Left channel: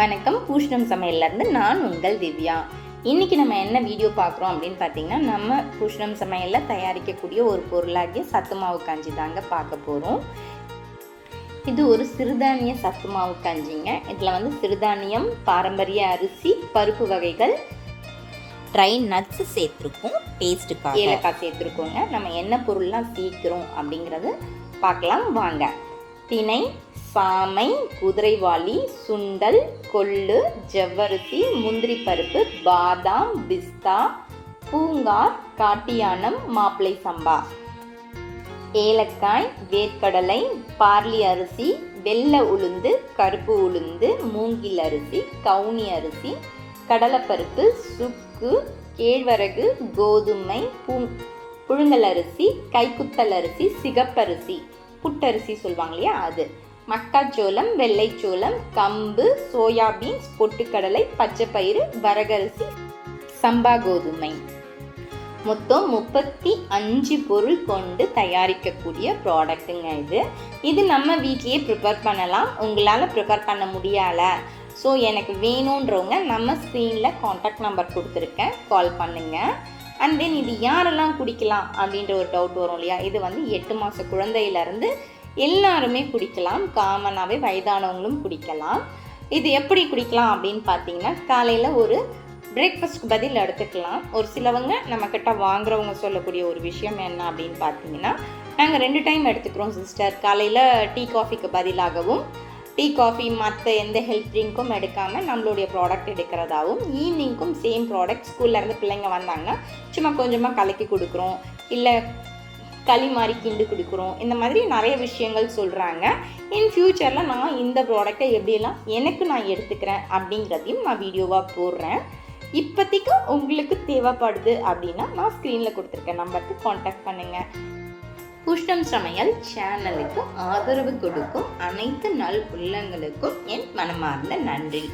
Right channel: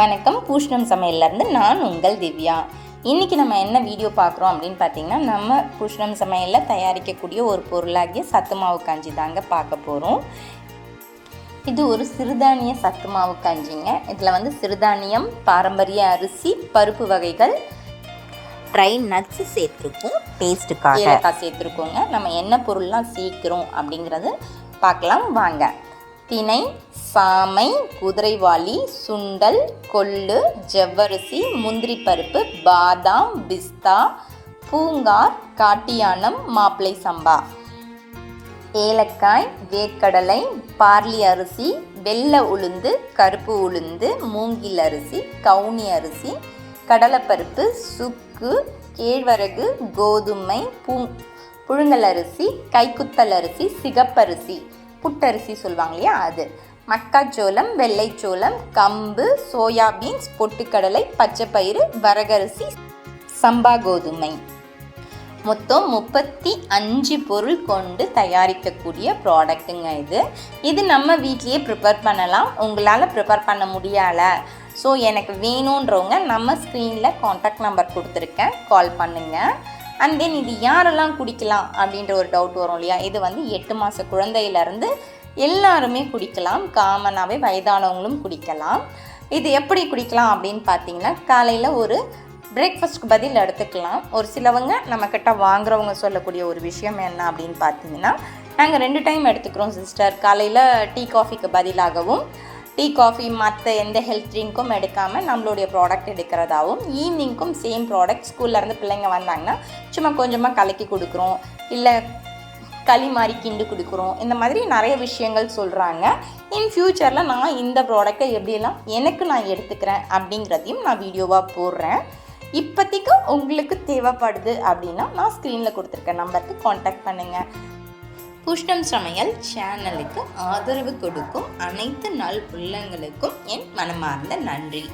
வணக்கம். பூஷ்ணம் சமையல்லேருந்து நான் உங்கள் திவ்யா. இன்றைக்கி நம்ம என்ன வீடியோ பார்க்குறோம் அப்படின்னு பார்த்தீங்கன்னா நம்ம பூஷ்ணம் சமையலில் தயாரிக்கக்கூடிய ஒரு பொருளாகிய சத்து மாவு கஞ்சி தாங்க பார்க்க போகிறோம். இது ஒரு சிறுதானிய சத்து மாவு கஞ்சிங்க. இதில் வந்து சிறுதானியம் பாரம்பரிய அரிசி பருப்பு வகைகள் ட்ரை நட்ஸ் சேர்த்துருக்கோம் பேஸ்ட்டுக்காக ஏலக்காய் சேர்த்துருக்கோங்க. நம்ம என்ன பொருள்லாம் சீக்கிரம் அப்படிங்கிறது பார்க்கலாம். வாங்க. தினை சாமை குதிரைவாளி சுண்டல் கொள்ளு ஜவ்வரிசி முந்திரி பருப்பு பாதாம் பிஸ்தா பூங்கார் காட்டியானம் மாப்பிளை சம்பா. ஏலக்காய் வேர்க்கடலை பார்லி அரிசி வெள்ளை உளுந்து கருப்பு உளுந்து மூங்கில் அரிசி கவுனி அரிசி கடலைப்பருப்பு சுக்கு கேழ்வரகு கோதுமை பூ புழுங்கல் அரிசி கைக்குத்தல் அரிசி சிகப்பரிசி. புட்டரிசி சொல்லுவாங்க இல்லையா அது. மக்காச்சோளம் வெள்ளைச்சோளம் கம்பு சோயாபீன்ஸ் பொட்டுக்கடலை பச்சைப்பயிறு வரகரிசி சம்பா கோதுமை. மொத்தம் முப்பத்தி அஞ்சு பொருள் கொண்டு தயாரிக்கக்கூடிய ப்ராடக்ட்டுங்க இது. இது நம்ம வீட்லேயே ப்ரிப்பேர் பண்ணலாம். உங்களால் ப்ரிப்பேர் பண்ண முடியலை. ஸோ எனக்கு வேணுன்றவங்க நம்ம ஸ்க்ரீனில் காண்டாக்ட் நம்பர் கொடுத்துருக்கேன். கால் பண்ணுங்கள் அண்ட் தென் இது யாரெல்லாம் குடிக்கலாம் அப்படின்ற ஒரு டவுட் வரும் இல்லையா? இது வந்து எட்டு மாத குழந்தையிலேருந்து எல்லாருமே குடிக்கலாம். காமனாகவே வயதானவங்களும் குடிக்கலாம். இது எப்படி குடிக்கலாம் அப்படின்னு பார்த்தீங்கன்னா காலையில் ஒரு பிரேக்ஃபாஸ்ட்க்கு பதில் எடுத்துக்கலாம். ஒரு சிலவங்க நம்மக்கிட்ட வாங்குறவங்க சொல்லக்கூடிய ஒரு விஷயம் என்ன அப்படின்னு பார்த்தீங்கன்னா நாங்கள் ரெண்டு டைம் எடுத்துக்கிறோம் சிஸ்டர் காலையில் டீ காஃபிக்கு பதிலாகவும் டீ காஃபி மற்ற எந்த ஹெல்த் ட்ரிங்க்கும் எடுக்காமல் நம்மளுடைய ப்ராடக்ட் எடுக்கிறதாவும் ஈவினிங்க்கும் சேம் ப்ராடக்ட் ஸ்கூல்லேருந்து பிள்ளைங்க வந்தாங்கன்னா சும்மா கொஞ்சமாக கலக்கி கொடுக்குறோம். இல்லை களி மாதிரி கிண்டு கொடுக்குறோம். இந்த மாதிரி நிறைய விஷயங்கள் சொல்கிறாங்க இன் ஃப்யூச்சரில் நான் இந்த ப்ராடக்டை எப்படியெல்லாம் எனக்கு நான் எடுத்துக்கிறேன் அப்படிங்கிறதையும் நான் வீடியோவாக போடுறேன். இப்போதைக்கு உங்களுக்கு தேவைப்படுது அப்படின்னா நான் ஸ்க்ரீனில் கொடுத்துருக்க நம்பருக்கு காண்டாக்ட் பண்ணுங்கள் புஷ்டம் சமையல் சேனலுக்கு ஆதரவு கொடுக்கும் அனைத்து நல் உள்ளங்களுக்கும் என் மனமார்ந்த நன்றி.